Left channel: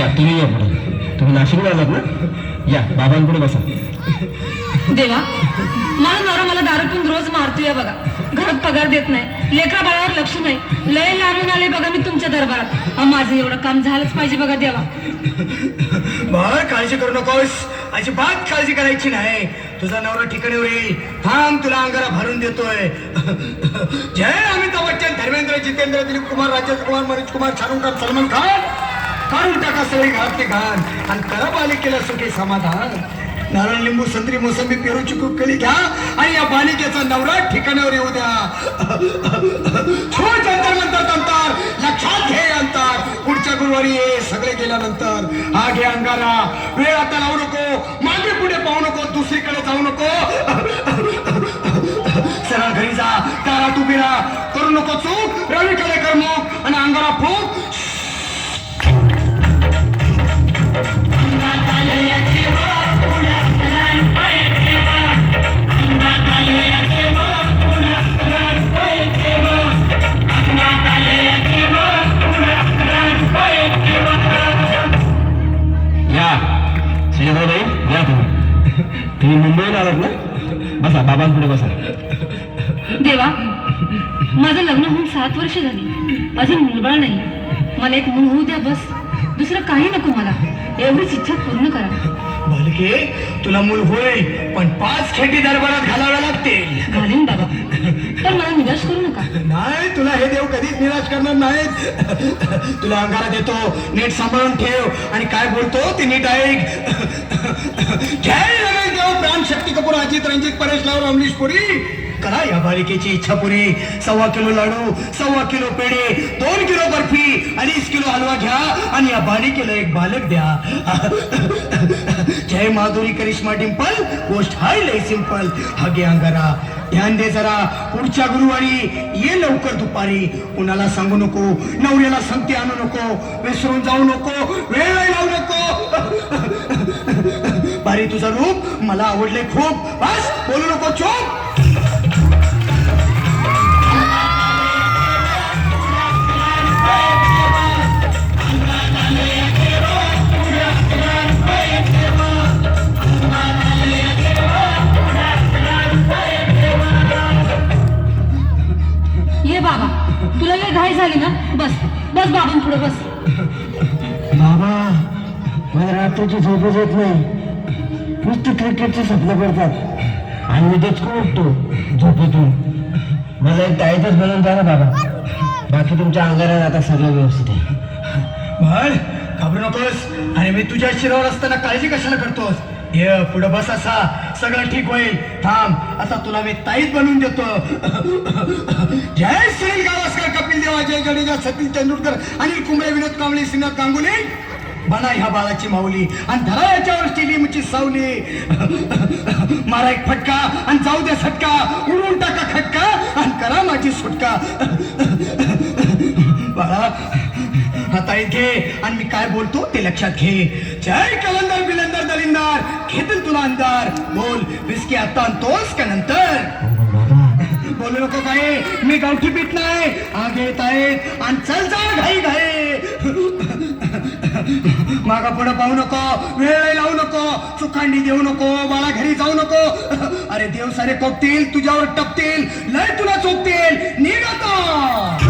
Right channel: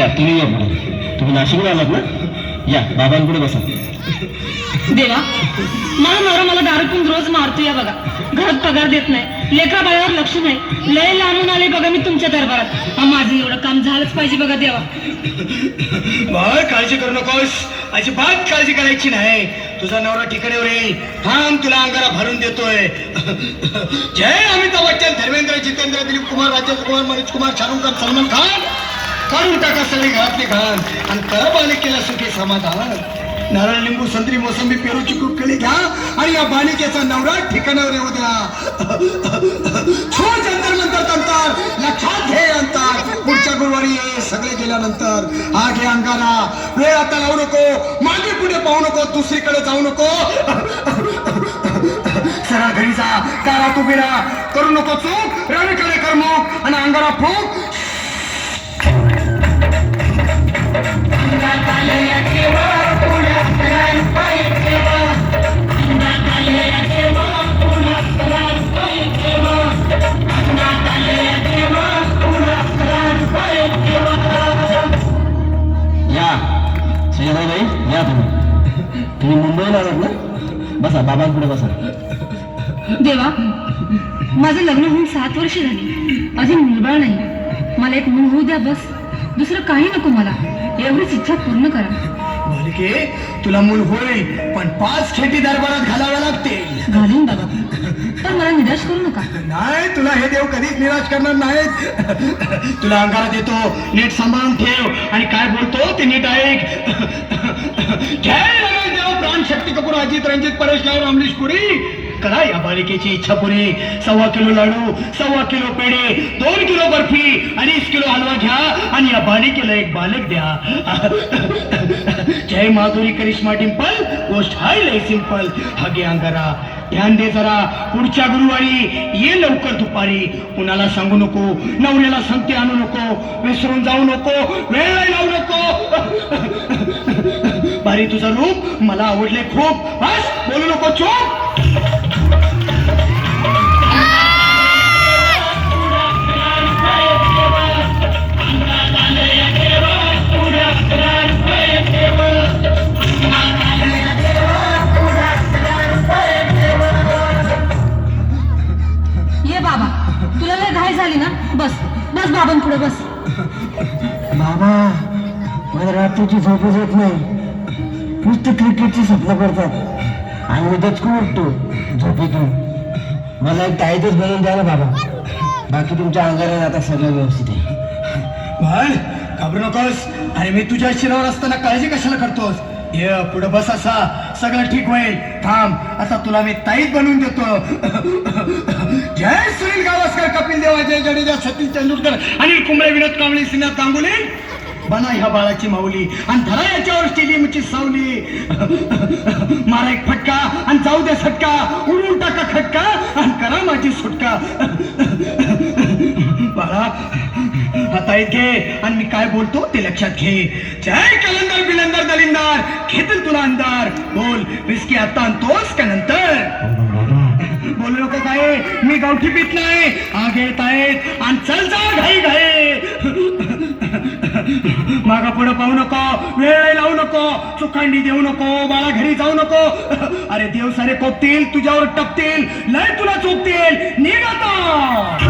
या तुम्ही या पुढे. तुम्ही नाशिकला आलात ना? या बाबांपुढे बसा. देवा, मला नवरा मला दारू पिऊन रोज मारतोय बघा. घरात पगार देत नाही, लेकरा बाळावर लक्ष नाही. लय लांबून आले बघा मी तुमच्या दरबारात. माझं एवढं काम झालंच पाहिजे बघा देवा. बाळ काळजी करू नकोस, अजिबात काळजी करायची नाही. तुझा नवरा ठिकाणीवर येईल. थांब, तुला अंगारा भरून देतोय. जय अमिताभ बच्चन, धर्मेंद्र, जितेंद्र, दिलीप कुमार, राजेश कुमार, मनोज कुमार, शाहरुख खान, सलमान खान. काढून टाका सगळी घरातली घाण आणि करा बालिकेला सुखी समाधान. नारळ, लिंबू, संत्री, मोसंबी, पेरूची खूप केली घ्या आणि या बालिकेचा नवरा ठिकाणावर येऊ द्या. छो जंतर मंतर तंतर, लक्षात घे अंतर. पुढच्या गुरुवारी ये, सगळे गेल्यानंतर. हा घे अंगारा. वेळ आता लावू नको, मागे पुढे पाहू नको, दुसरीकडे जाऊ नको. सरा घरी जा, कारा तू बिरा करू नको चूक. रवीकडे कर मुख आणि अंगारा फूक. या तुम्ही मुंबईला आलात ना? बसा, बाबांपुढे बसा. देवा, माझं लग्न होऊन 7 वर्ष झाली, अजून मुलबाळ नाही. मला एक मूल होऊ द्या बस. दुसरं काही नको मला. एवढीच इच्छा पूर्ण करा. बालिके, तुला मूल होय, पण 5 खेटी दरबारात घालाव्या लागतील. घालीन बाबा, तर मला निराश करू नका. नाही, तुला हे देव कधीच निराश करणार नाहीत. तुला अंगारा देतो, नीट सांभाळून ठेव आणि काय बोलतो ते नीट ऐक. जय रमेश देव, प्राण, शक्ती कपूर, अजित, रंजित, परेश लाल, अमरीश पुरी. करा या बालिकेची इच्छा पुरी. 1.25 किलो लाडू, 1.25 किलो पेढे, 2 किलो बर्फी, 2.5 किलो हलवा घ्या आणि या बालिकेला एक बालक द्या. जय माधुरी, करिश्मा, डिंपल, गोष्ट हाय लय सिंपल. हा घे अंगारा. ध्यान दे जरा, पुढच्या गुरुवारी ये लवकर दुपारी. कुणाला सांगू नको, नवऱ्याला संगती आणू नको, विसरून जाऊ नको, वेळ लावू नको. बारी, तुझं रूप मला आवडले खूप. बस, बोलू नको, चूप. तुला लय घाई झाली ना? बस बस बाबांपुढे बस. बाबा, मला रात्रीची झोपच येत नाही. नुसतं क्रिकेटची स्वप्न करतात आणि मी डचकून उठतो झोपेतून. मला एक टाईटच बनवून द्या ना बाबा. बाकी तुमच्या अंगारात आता सगळं व्यवस्थित आहे. बाळ, घाबरू नकोस. अरे मी तुझ्या शिरावर असताना काळजी कशाला करतोस? ये पुढे बस, असा सगळं ठीक होईल. थांब, आता तुला मी ताईत बनवून देतो. जय सुनील गावस्कर, कपिल देव, अजय जडेजा, सचिन तेंडुलकर आणि कुंबळे, विनोद कांबळे, श्रीनाथ गांगुली. बना ह्या बाळाची माऊली आणि धरा याच्यावर स्टेडियमची सावली. मारा एक फटका आणि जाऊ दे सटका. उडून टाका खटका आणि करा माझी सुटका. बाळा, हाताळीत घे आणि मी काय बोलतो ते लक्षात घे. जय कलंदर, बिलंदर, दलिंदर, घेतील तुला अंधार. बोल, विस्की आता आणतोस का नंतर? बोलू नको काय, मी गावठी पीत नाही. आगे येत आहेत आणि चल जा घाई घाई. मागा पुढे पाहू नको, वेळ लावू नको, चुकांडी देऊ नको, बाळा घरी जाऊ नको. अरे देव सारे कोपतील, तुझ्यावर टपतील, लय तुला चोपतील. निघ आता.